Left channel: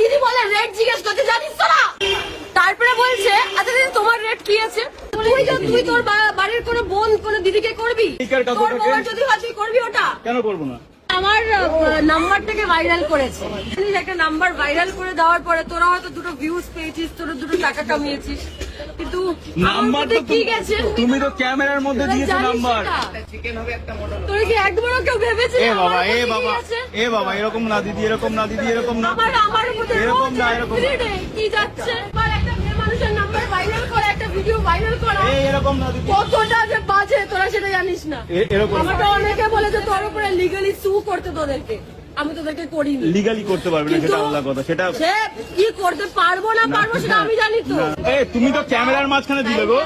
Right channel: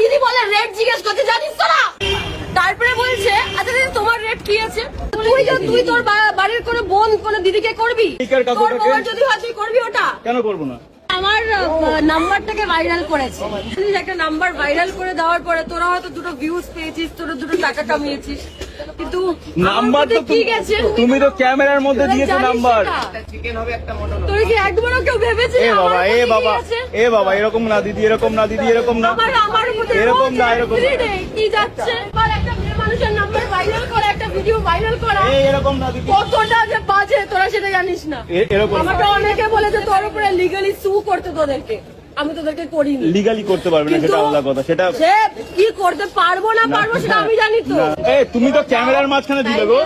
দিদি বলে রেট জিজ্ঞেস করতে জানিস তো না? তারপরে বলছে আচ্ছা দিদি তোমার রেট কি আছে? তুই তুই তোর বাড়ির কোনো বোন কোনো দিদিকে করবি? তোর যদি হয় তুই করবি ওটা? কেন করব না? আমার নাম্বারটাকে ভাইরাল করেছে। একটা নাম্বার ভাইরাল করে দেওয়ার পরে তোরা হয়তো দুটো ভিউজ পেয়েছিস তোরা দুটো টাকা কামিয়েছিস। কিন্তু নাম্বার তো ঠিক আছে তুমি তো ক্যামেরার মধ্যে দিয়েছ নাম্বার? তোর কি একবারও কেউ ভেবেছে এ বাবা এ বাবা? এ বাবা এরকম না দিদি এরকম না দিদি এরকম না। এরকম না, এরকম কি যাচ্ছে? একটা মানুষের নাম্বার ভাইরাল করা একটা ভিডিও ভাইরাল করা। এরকম না কতটা যে বাজে তোরা সেটা জানিস না। আমাকে অনেকে বলেছে তোর উপরে লিগালি সু করতে তোদেরকে। আমি তোদেরকে করিনি। লিগালি করতে পারবে না সেটা আলাদা কথা। সেটা কি করতে পারব না পারব সেটা আমি জানি তো। তুমি তো ক্যামেরার মাঝখানে দিলে গো.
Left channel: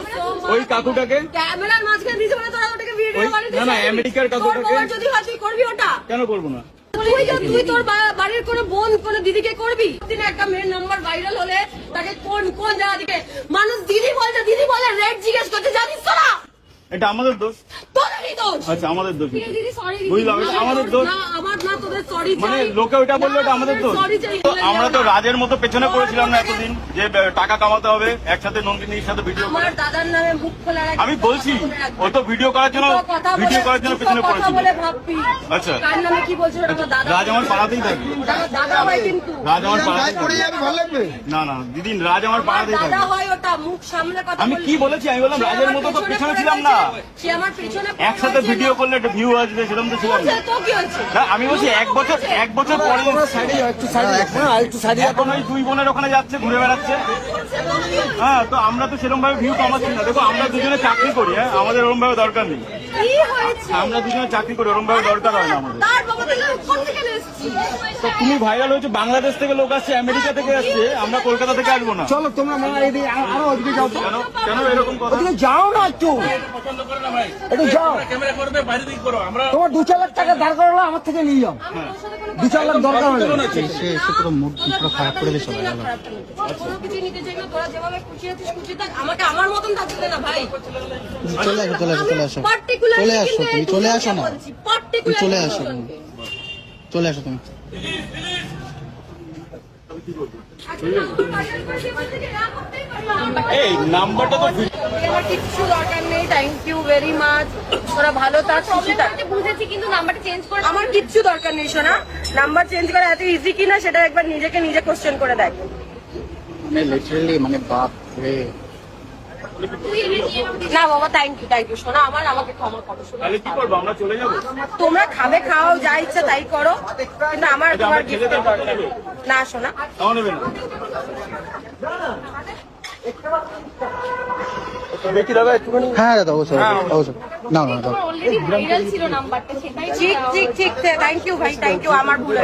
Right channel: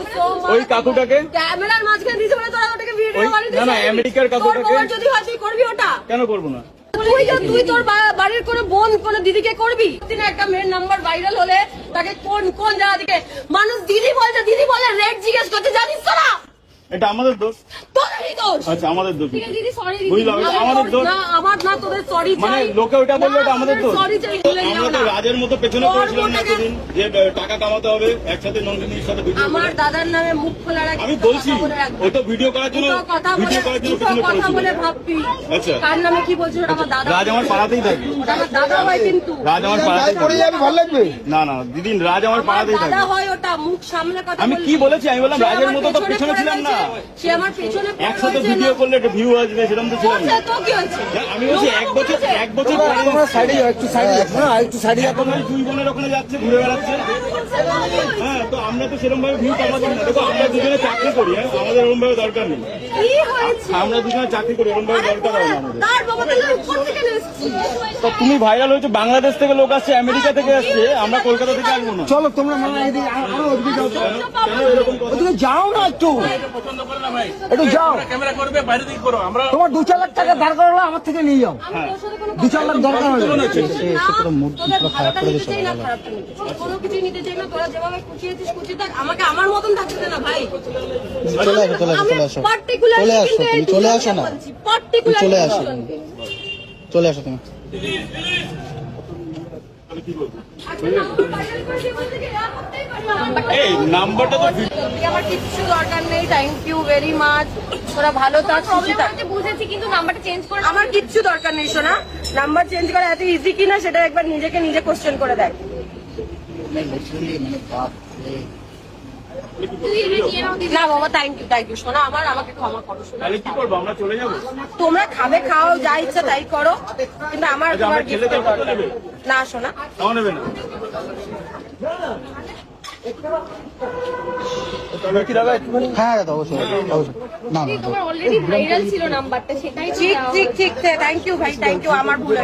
ওই কাকুটাকে। ক্যামেরার মাঝখানে দিয়েছে বলে তোরা ওটাকে ভিডিও বানিয়ে না, না, আমেরিকার কাকুটাকে- যদি হয় করবি ওটা? কেন করব না? তোর বাড়ির কোনো বোন, কোনো দিদিকে করবি? দিনে একটা মেয়ের নাম্বার ভাইরাল হলে তাকে কোন কোন জায়গা থেকে? মানুষ দিদি বলছে, দিদি বলে রেট জিজ্ঞেস করতে জানিস তো না? এটা আমাদের দোষ। তোদেরই দোষ? আচ্ছা আমাদের দোষ। দিদি সরি বুঝলাম, আমাদের দোষ। না আমার না তোদের সরি মানে লোকে ওটা বলল এটা আমাদের দোষ। সরি চাই বলে আমরা তো রাজের মতো পেছনে পড়েছিলাম না এতদিন যে টাকা কামাতে হবে একসাথে নন্দিনীর সাথে ভিডিও আমার দাদার নামে মুখ খোলা রাখবি, আমি বলছি ও তো ভিডিও করার জন্য ভিডিও করার জন্য পেছনে কথা পড়েছিল বলে ভাববি। আচ্ছা। কার নামে কি আমার দাদা রাজ আমার পাড়াতেই থাকে আমার দাদা হয় কিন্তু। রাজ আমার পাড়াতেই পড়ে যাবে ভালো লাগবে? না না দিদিন রাজ আমার পাড়াতেই থাকে দাদা হয় ওটা মুখ সামলে কথা আমি কি বলেছি? আমি বললাম রাজের মতো তো পেছনে ছিলাম না। সে আমার পেছনে একসাথে ভিডিও করলে একটা ভিউ আসবে সেরকম তো ছিলাম না। হয়েছে? না আমি বলছি এক বছর এক বছর পরে সাইডে একটু সাইডে না একটু সাইডে এখন ওই দুই বোনের ওখানে যাচ্ছে ঘুরে বেড়াচ্ছে। হ্যাঁ তো আমরা তো সেরকম ভাবে ভিউ কামাচ্ছি না। দেখো আমরা দুজনে চাকরি করি হ্যাঁ আমাদের ওরকম ভাবে দরকার নেই। আমরা দুজনে চাকরি করি ওরকম ভাবে দরকার হয় না আমাদের। তো তুমি ভাইরাল হয়েছে বাংলাদেশ থেকে লোক আসছে আমেরিকা থেকে আসছে আমরা কলকাতা থেকে আসব না। চলো তোমরা মা এইদিকে আরও ওদিকে যাও তো। কেন কেন এরকম যাও না একটু। একটু যাও। তোমার দু চার লাখ টাকা ধার করালো আমার থেকে নিয়ে যাও। দু চার লাখ দরকার হলে। তোদের খারাপ করে দিচ্ছে কোনো কিছু নিতে চাই না তোরা যেভাবে খুশি আছিস খুশি থাক। আমাকে আমার মতন থাকতে দে না ভাই। চলে আসো, চলে আসো, চলে আসো। চলে আসো, তুমি চলে আসো না। চলে আসো চলে আসো তুমি। নাম্বারটা তো আমার কিচ্ছু দরকার নেই থ্যাংক ইউ ভেরি মাচ ওরা ভালো থাক খুশি থাক। বুঝেছি কিন্তু নাম্বারটা চেঞ্জ করে আমার কিচ্ছু দরকার নেই সোনা। নাম্বার চেঞ্জ করা এত ইজি কিনা সেটা একবার নিজেকে নিজে কোশ্চেন করে দেয় লিটারেলি মানে বাপ রে। না বাবা থ্যাংক ইউ থ্যাংক ইউ সোনা। আমার আমাকে ক্ষমা করো তাহলে কি করব আমরা চলে যাব? তোমরা খাবে খাও যা ইচ্ছে তাই করো। কিন্তু আমার আচ্ছা, না শোনা হ্যাঁ দাদা অবশ্যই অবশ্যই। না না দাদা। ছিল নাম্বারটা সেটাই ঠিক ঠিক ঠিক থ্যাংক ইউ ভাই থ্যাংক ইউ আমার ভুল